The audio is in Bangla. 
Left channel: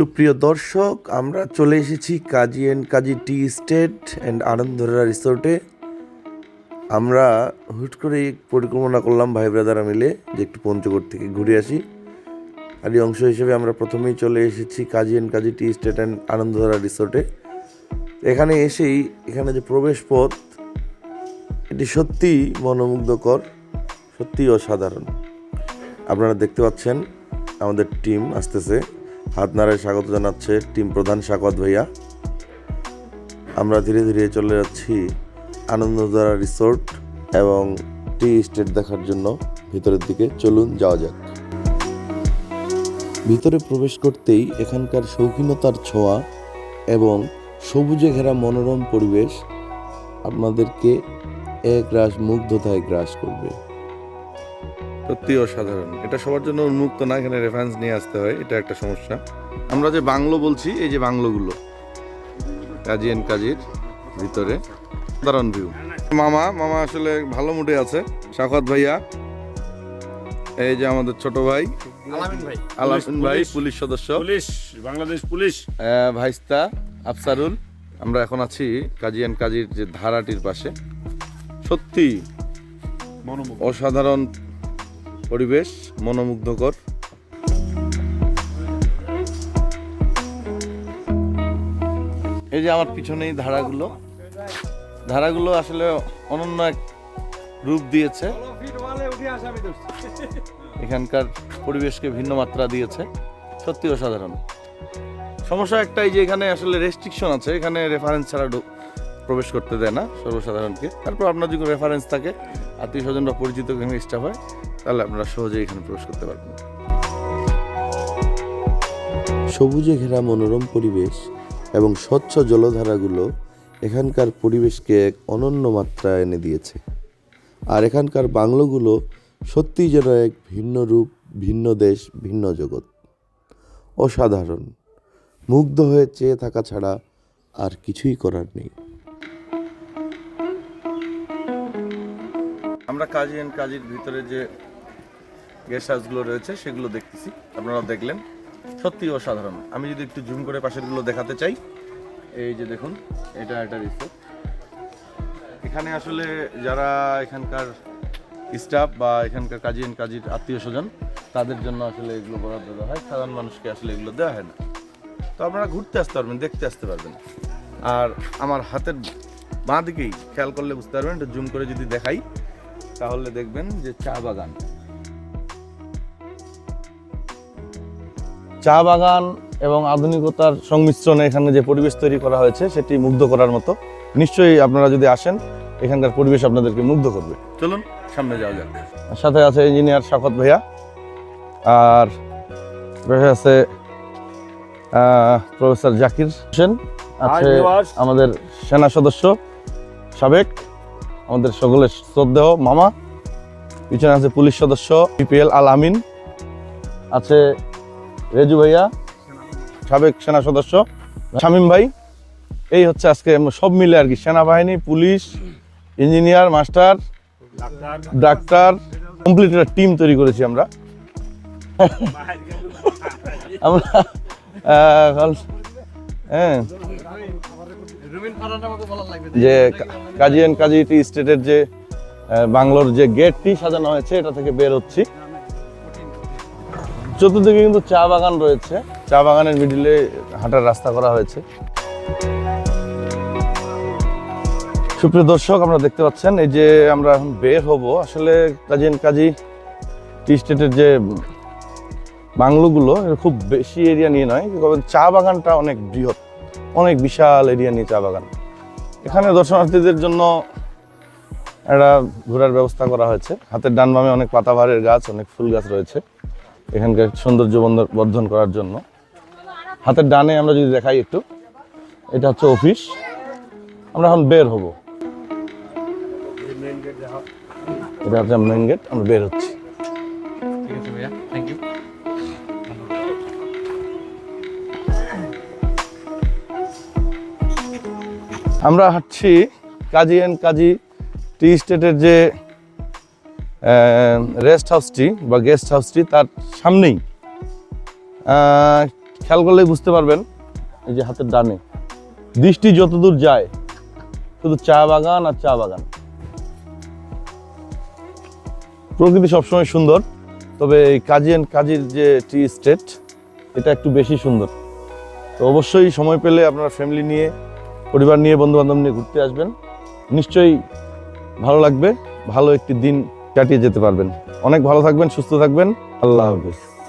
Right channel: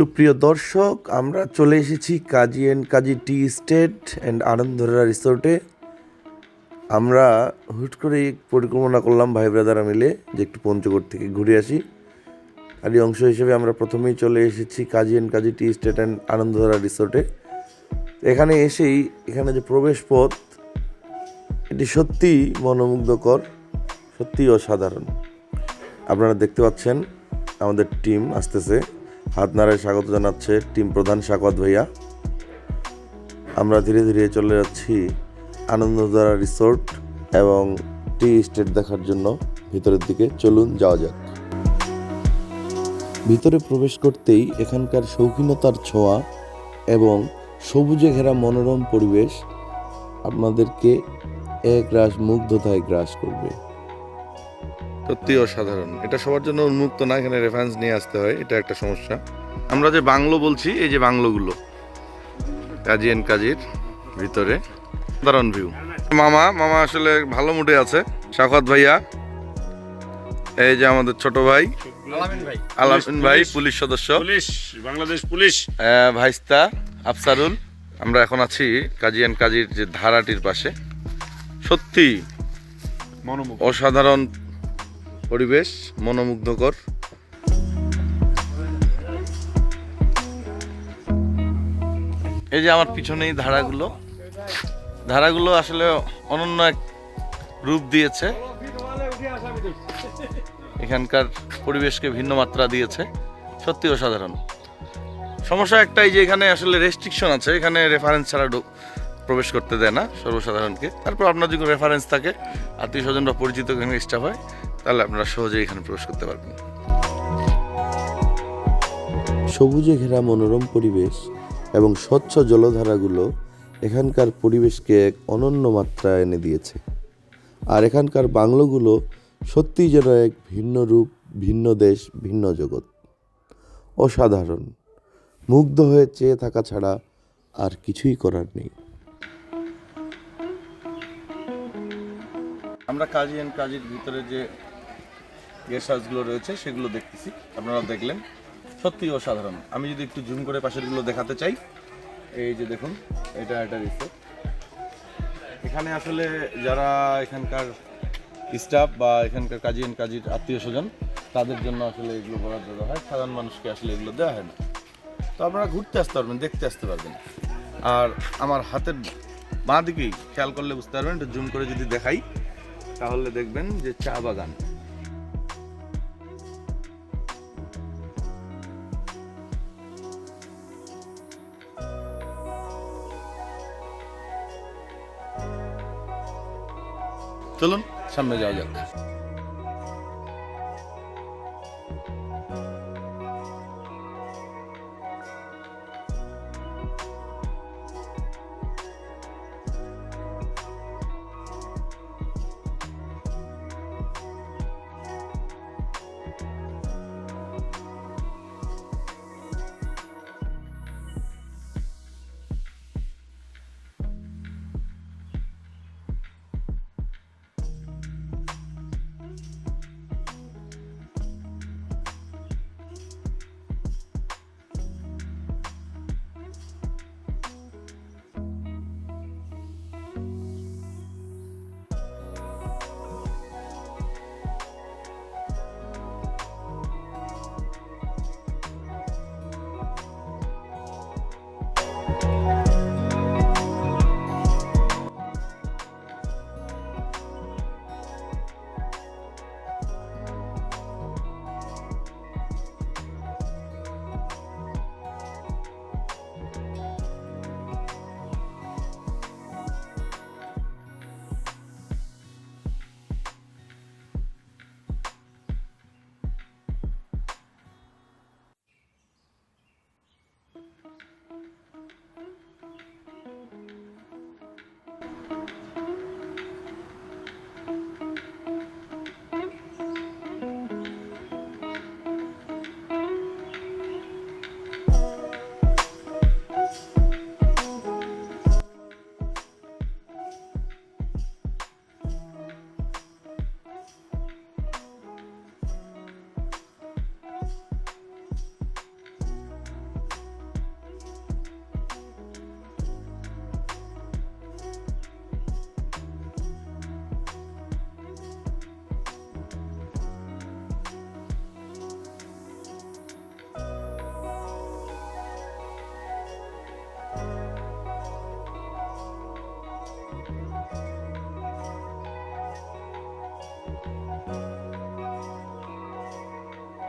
সুপ্রিয় দর্শক, আমরা চলে এসেছি Kazi and Kazi tea estate and আনন্দরা রিসোর্টে। আমরা হুট করে পরিকল্পনা করলাম ভাই ব্রাদারা মিলে যে একটু পঞ্চগড় থেকে ঘুরে আসি। আর এই অংশ হিসেবে আমরা প্রথমেই চলে এসেছি Kazi and Kazi tea estate and Anandadhara রিসোর্টে। এখানে এসেই এখানে যে প্রবেশ পথ এটি সত্যিই মনোমুগ্ধকর, সত্যিই অসাধারণ। আপনারা দেখতে পাচ্ছেন আমাদের টিম আসতেছে। হাত নাড়ায় স্বাগত জানাচ্ছে টিম প্রধান স্বাগত ভাইয়া। আমরা ধীরে ধীরে চলে যাচ্ছি আনন্দধারা রিসোর্ট এবং টি স্টেট দেখার জন্য ভিতরের দিকে। চলুন যাওয়া যাক। ভিতরে প্রবেশ করতেই এখানকার শৌখিনতার ছোঁয়া এবং সবুজে ঘেরা মনোরম পরিবেশ আপনাদেরকে এক রাস মুগ্ধতায় গ্রাস করবে। সত্যি অসাধারণ। এটা সবার জন্য উন্মুক্ত না এখানে রেফারেন্স নিয়ে আসতে হয় এটা একটা সমস্যা। আমরা যে বাংলো বলছি এই যে বাংলোগুলো কাজী এন্ড কাজীর ভিতরে সাধারণ ভিউ মামা মামা আসলে ভালো মুডে আছে। শাকত ভাইয়া এই যে আমাদের ছোট ভাই আলামিন ভাই পুলিশ সদস্য। Police Bangladesh police. ভাইস্তা আফসারুল আমরা এখন আছি কাজী এন্ড কাজীর যে ধারাটির পাশে। সত্যি অসাধারণ পরিবেশ মনোমুগ্ধকর। এই যে আমার পিছনেই ধারাগুলো। ধারাগুলো আসলে অনন্য এক রূপ দিয়েছে। এখানকার পরিবেশকে ভিন্ন মাত্রা দিয়েছে। সত্যি অসাধারণ। সমস্যা একটাই যে এখানে আসলে রেস্ট্রিকশন আছে। এখানে রেফারেন্স ছাড়া প্রবেশ করতে দেয় না সর্বসাধারণকে। তারপর আপনার যদি রেফারেন্স থাকে আত্মীয় স্বজনরা পরিচিত এখানে স্টাফ হয় তাহলে আপনারা সহজেই এখানে প্রবেশ করতে পারবেন। সবুজে ঘেরা মনোরম পরিবেশ এবং স্বচ্ছ জলধারাগুলো এখানকার পরিবেশকে এক অনন্য মাত্রা এনে দিয়েছে। আর এখানকার বাংলোগুলো সত্যিই যেন এক ভিন্ন রূপ ভিন্ন দেশ ভিন্ন জগৎ। অসাধারণ। মুগ্ধ হয়ে চেয়ে থাকা ছাড়া আর কিছুই করার নেই। আমরা কাজী অ্যান্ড কাজীর ভিতরে যে গেস্ট হাউসগুলো রয়েছে, সেগুলো দেখতেছি। আপনারা দেখলেন। সত্যি অসাধারণ। আমি যদি একটু জুম করে পাশেরগুলো দেখাতে চাই, এই যে দেখুন, এটা একটা রিসোর্ট এখানে আসলে যারা এখানকার স্টাফ বা এখানকার কাজী অ্যান্ড কাজীর আত্মীয় স্বজন, তাদের জন্য আসলে এগুলো বরাদ্দ দেওয়া হয়। সাধারণ মানুষকে আসলে এগুলো দেওয়া হয় না। তো আপনারা ঘুরতে আসতে পারবেন, দেখতে আসতে পারবেন। আর আমার হাতের বাঁ দিকেই, খেয়াল করলে বুঝতে পারবেন জুম করে যদি দেখাই, তাহলে দেখবেন যে চা বাগান। চা বাগান এবং আধুনিকতার সংমিশ্রণে এখানে যে পরিবেশ তৈরি করা হয়েছে সেটি মুগ্ধ করার মতো। নিশ্চয়ই আপনারা যদি আসেন এখানকার পরিবেশ আপনাদেরকে মুগ্ধ করবে। চলুন সামনে যাওয়া যাক। সাথে আছে ইঞ্জিনিয়ার শকত ভাইয়া আর আছে প্রফেসর জাকির হোসেন আছে আমাদের সেনা সদস্য সাবেক আমাদের সকলের শ্রদ্ধেয় মামা পিছনে আছে পুলিশ সদস্য বিপিএল আল আমিন আছে রেজু ভাইয়া, সাবেক সেনা সদস্য। শামীম ভাই, এই হচ্ছে আজকে সব মিলে আর কি, সেনাবাহিনী, police, engineer, master, doctor complete একটা টিম তৈরি করেছি আমরা। আমরা হ্যাঁ। যে কা- কাজী অ্যান্ড কাজী টি স্টেটের যে বাংলোর যে গেটটি সাজানো হয়েছে, এটা থেকে বের হচ্ছি। চতুর্দিকে কিন্তু চা বাগান রয়েছে। চা বাগানের মিডিলে হাঁটার রাস্তা করা হয়েছে। সুপ্রিয় দর্শক আমরা দেখতে পাচ্ছেন, এই যে আমরা এখন বের হব, আসলে কাজী অ্যান্ড কাজী টি স্টেটের যে বাংলোগুলো খুব বেশি এরিয়া নিয়ে নয়, তবে চা বাগানটা অনেক বৃহৎ, অনেক বিশাল এরিয়া নিয়ে চা বাগান। এখানে দর্শনার্থীদের জন্য একটা ঘোরার ব্যবস্থা করা হয়েছে। হাতের ডান বামে অনেক পাতাবাহারের গাছ, অনেক ফুল গাছ রয়েছে। এখানকার সৌন্দর্য বর্ধন করার জন্য। হাতের ডানে আমরা যদি দেখাই একটু এটা হচ্ছে অফিস। আমরা এখন বের হব। এটা হচ্ছে মেন গেট আমরা বের হচ্ছি। আমরা হাঁটছি কাজী অ্যান্ড কাজী টি স্টেটের যে রেস্ট হাউসটি বা গেস্ট হাউসটি তার সামনেই। খেয়াল করলেই বুঝতে পারবেন, এই যে হাতের ডানে। দৃষ্টি যতদূর যায়, শুধু চা বাগান আর চা বাগান। প্রকৃতি সবসময় সুন্দর, তবে এই কাজী অ্যান্ড কাজীর যে টি স্টেট এটা একটু বেশি সুন্দর। তো অবশ্যই সময় পেলে আপনারা ফ্যামিলি নিয়ে, পরিবার নিয়ে বন্ধু বান্ধব নিয়ে ঘুরতে আসবেন। নিশ্চয়ই ভালো লাগবে, ভালো একটি দিন কাটিয়ে যেতে পারবেন। অনেক ভালো থাকবেন সুস্থ থাকবেন। আল্লাহ হাফিজ।